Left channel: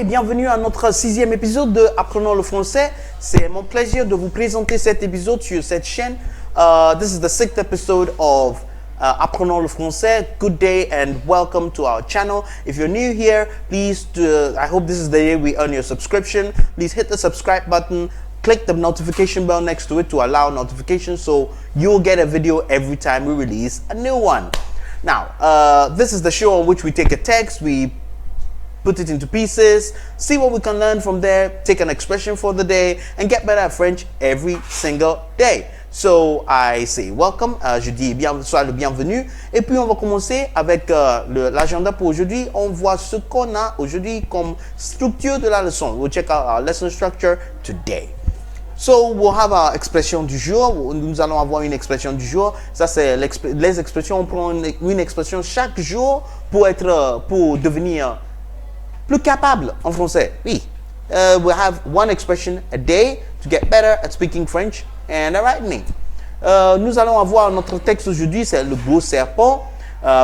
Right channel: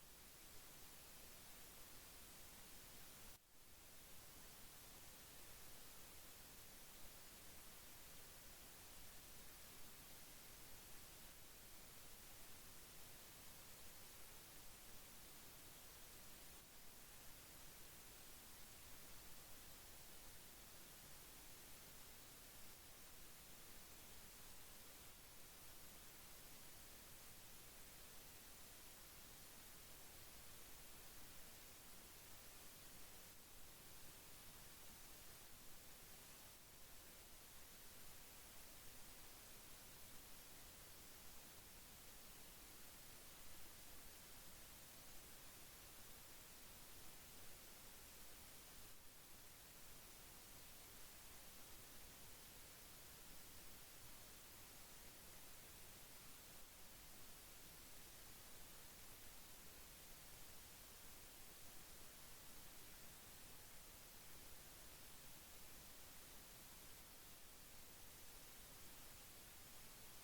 et bienvenue à notre 6e épisode de Apprenons le français. C'est mon plaisir de vous présenter cet épisode sur cette chaîne. This is the 6th episode of Apprenons le français. Good day and welcome to our channel. If you're new here, please, I hope this is the day we earn your subscription. Please hit the subscribe button. Click the notification bell next to it to allow notifications so you'll get a video every time we release a new one. Now, this is the show on which we take a text, we put it into pieces, see what we can learn from there, take an expression for the day, and get better at French every single day. So I say welcome, je dis sois le bienvenu, et puis on va commencer avec l'agenda pour aujourd'hui. On voit ce qu'on a aujourd'hui comme structure de la leçon. We'll check out our lesson structure today. So we'll have our expression du jour. Nous allons avoir une expression du jour. Ça c'est les expressions. On prend une expression chaque jour pour devenir plus capable en français. Oui. We have one expression a day to get better at speaking French and writing. Nous allons avoir notre texte aujourd'hui, c'est le gros serpent.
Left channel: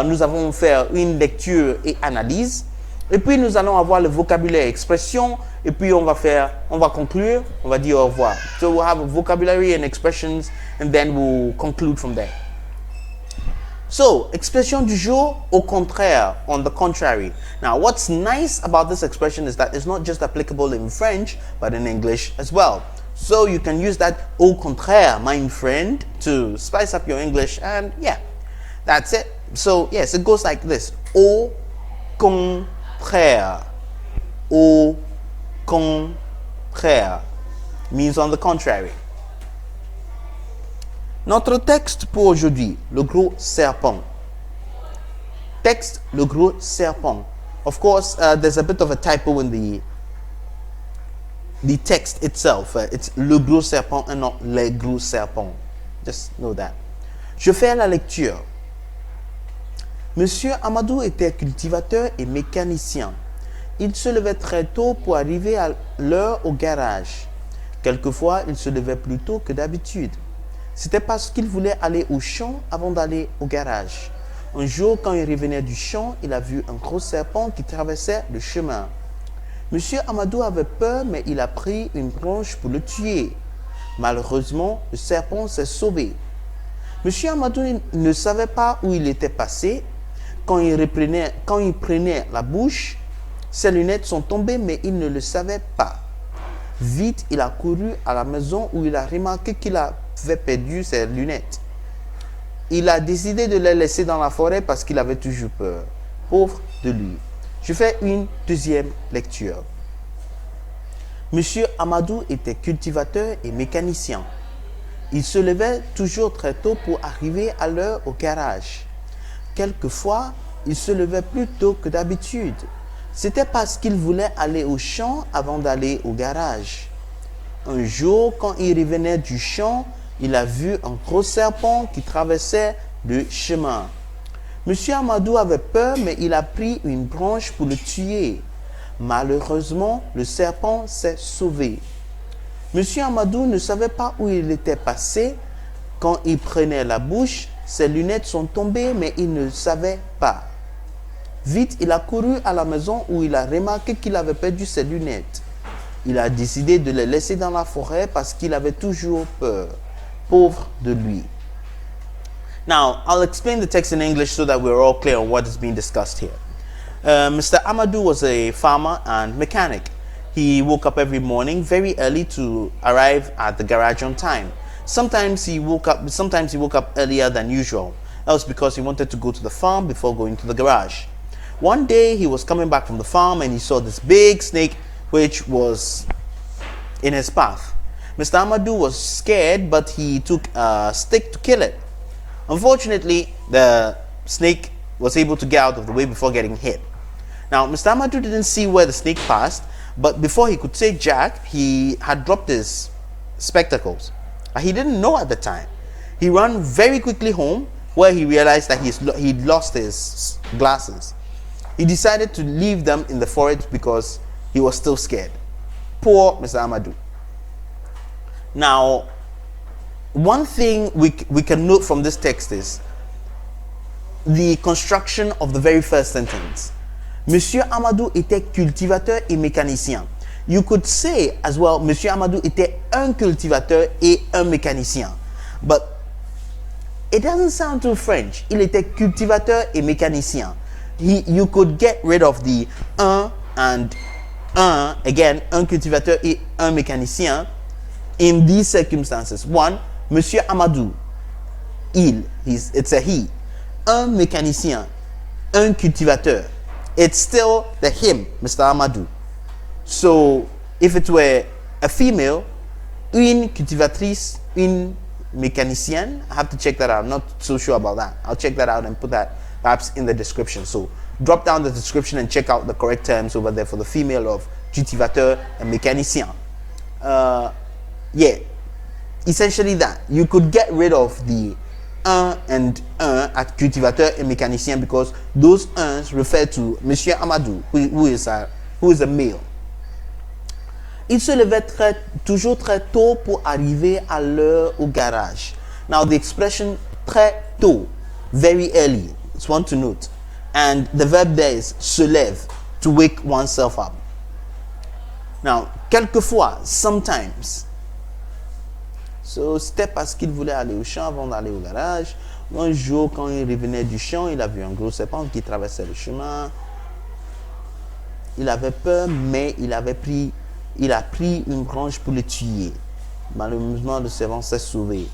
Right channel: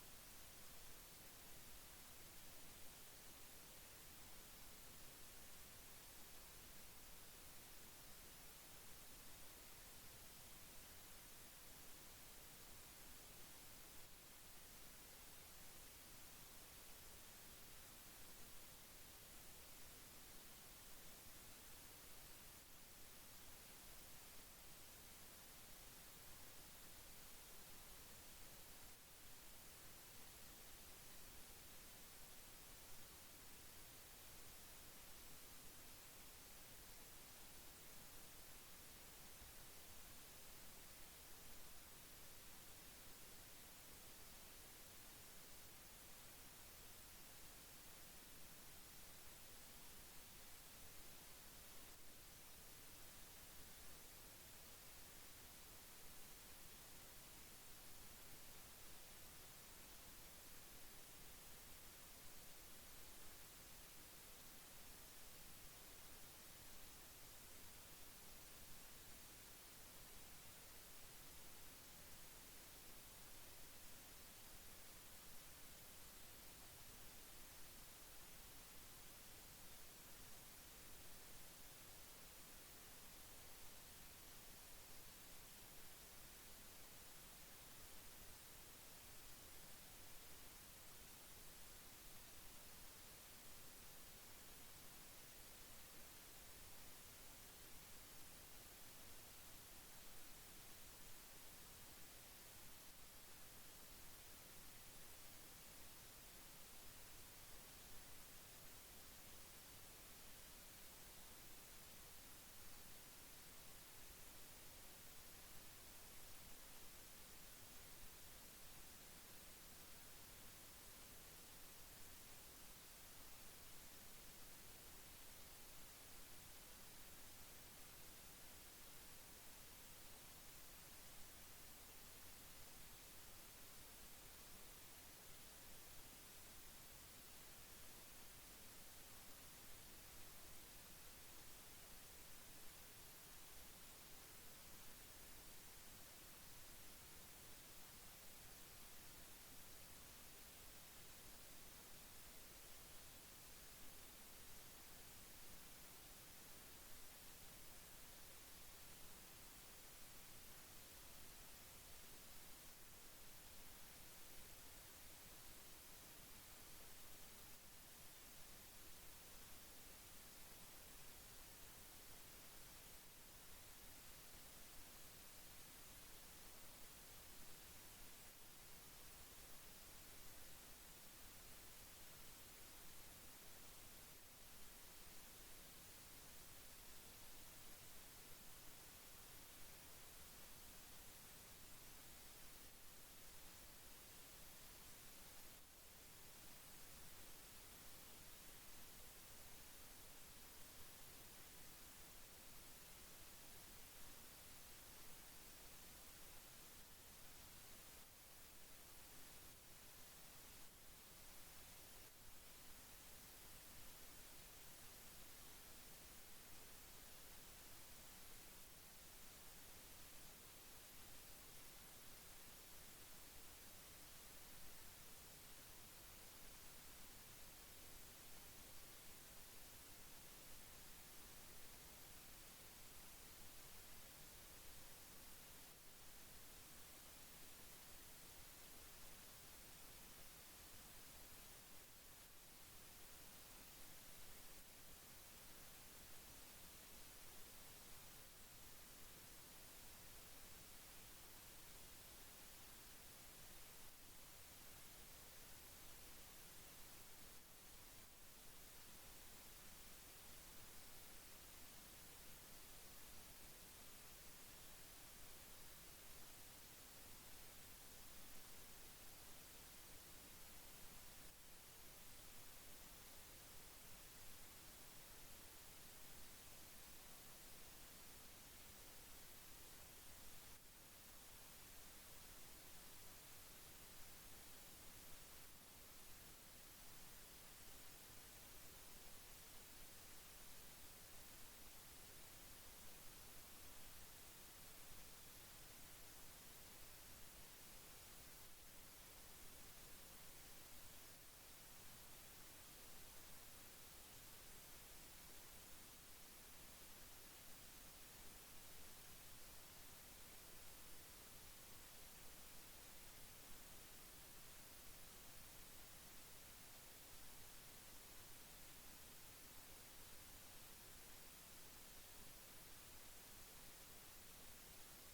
Nous allons faire une lecture et analyse. Et puis nous allons avoir le vocabulaire expression. Et puis on va conclure, on va dire au revoir. So we'll have a vocabulary and expressions and then we'll conclude from there. So, expression du jour, au contraire, on the contrary. Now, what's nice about this expression is that it's not just applicable in French, but in English as well. So, you can use that au contraire, my friend, to spice up your English, and yeah, that's it. So, yes, it goes like this. Au contraire. Au contraire means on the contrary. Notre texte pour aujourd'hui, le gros serpent. Texte, le gros serpent. Of course, there's a bit of a typo in the text itself. It's le gros serpent and not les gros serpents. Just know that. Je fais la lecture. Monsieur Amadou était cultivateur et mécanicien. Il se levait très tôt pour arriver à l'heure au garage. Quelquefois, il se levait plus tôt que d'habitude. C'était parce qu'il voulait aller au champ avant d'aller au garage. Un jour, quand il revenait du champ, il a vu un gros serpent qui traversait le chemin. Monsieur Amadou avait peur, mais il a pris une branche pour le tuer. Malheureusement, le serpent s'est sauvé. Monsieur Amadou ne savait pas où il était passé. Quand il prenait la bouche, ses lunettes sont tombées, mais il ne le savait pas. Vite, il a couru à la maison où il a remarqué qu'il avait perdu ses lunettes. Il a décidé de les laisser dans la forêt parce qu'il avait toujours peur. Pauvre de lui. Je fais une deuxième lecture. Monsieur Amadou était cultivateur et mécanicien. Il se levait toujours très tôt pour arriver à l'heure au garage. Quelquefois, il se levait plus tôt que d'habitude. C'était parce qu'il voulait aller au champ avant d'aller au garage. Un jour, quand il revenait du champ, il a vu un gros serpent qui traversait le chemin. Monsieur Amadou avait peur, mais il a pris une branche pour le tuer. Malheureusement, le serpent s'est sauvé. Monsieur Amadou ne savait pas où il était passé. Quand il prenait la bouche, ses lunettes sont tombées, mais il ne savait pas. Vite, il a couru à la maison où il a remarqué qu'il avait perdu ses lunettes. Il a décidé de les laisser dans la forêt parce qu'il avait toujours peur. Pauvre de lui. Now, I'll explain the text in English so that we're all clear on what is being discussed here. Mr. Amadou was a farmer and mechanic. He woke up every morning very early to arrive at the garage on time. Sometimes he woke up earlier than usual. That was because he wanted to go to the farm before going to the garage. One day, he was coming back from the farm and he saw this big snake which was in his path. Mr. Amadou was scared, but he took a stick to kill it. Unfortunately, the snake was able to get out of the way before getting hit. Now, Mr. Amadou didn't see where the snake passed, but before he could say Jack, he had dropped his spectacles. He didn't know at the time. He ran very quickly home where he realized that he'd lost his glasses. He decided to leave them in the forest because he was still scared. Poor Mr. Amadou. Now, one thing we can note from this text is the construction of the very first sentence. Monsieur Amadou était cultivateur et mécanicien. You could say as well, Monsieur Amadou était un cultivateur et un mécanicien. But it doesn't sound too French. Il était cultivateur et mécanicien. You could get rid of the un and un, again, un cultivateur et un mécanicien in these circumstances. One, Monsieur Amadou, it's a he. Un mécanicien, un cultivateur. It's still the him, Mr. Amadou. So, if it were a female, une cultivatrice, une mécanicienne, I have to check that out. I'm not so sure about that. I'll check that out and put that perhaps in the description. So, drop down the description and check out the correct terms over there for the female of cultivateur and mécanicien. Yeah, essentially that. You could get rid of the un and un at cultivateur et mécanicien because those uns refer to Monsieur Amadou, who is a male. Il se levait toujours très tôt pour arriver à l'heure au garage. Now the expression très tôt, very early, it's one to note. And the verb there is se lève, to wake oneself up. Now, quelquefois, sometimes. So, c'était parce qu'il voulait aller au champ avant d'aller au garage. Un jour, quand il revenait du champ, il a vu un gros serpent qui traversait le chemin. Il avait peur, mais il a pris une branche pour le tuer. Malheureusement, le serpent s'est sauvé.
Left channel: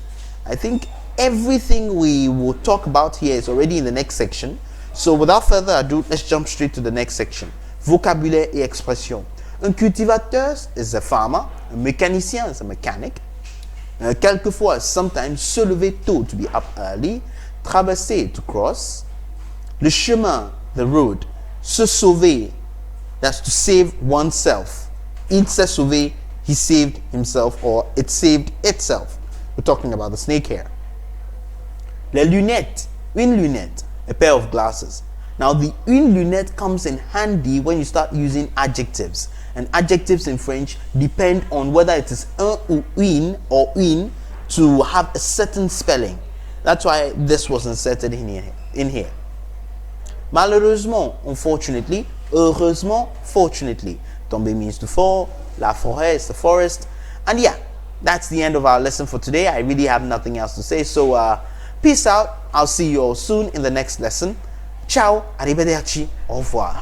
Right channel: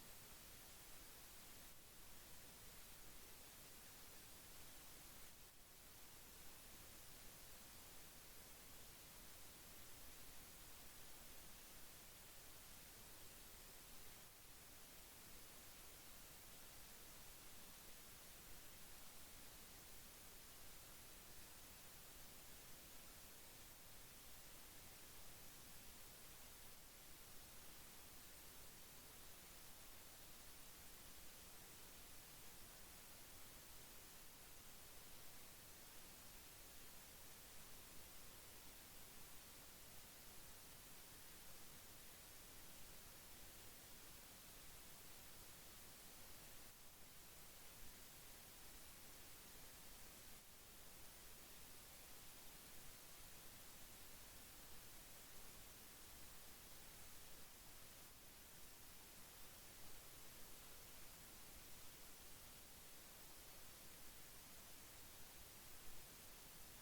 I think everything we will talk about here is already in the next section. So without further ado, let's jump straight to the next section. Vocabulaire et expression. Un cultivateur is a farmer. Un mécanicien is a mechanic. Quelquefois, sometimes, se lever tôt, to be up early. Traverser, to cross. Le chemin, the road. Se sauver, that's to save oneself. Il s'est sauvé, he saved himself, or it saved itself. We're talking about the snake here. Les lunettes, une lunette, a pair of glasses. Now, the une lunette comes in handy when you start using adjectives. And adjectives in French depend on whether it is un or une to have a certain spelling. That's why this was inserted in here. Malheureusement, unfortunately, heureusement, fortunately. Tomber means to fall. La forêt is the forest. And yeah, that's the end of our lesson for today. I really have nothing else to say. So, peace out. I'll see you all soon in the next lesson. Ciao, arrivederci, au revoir.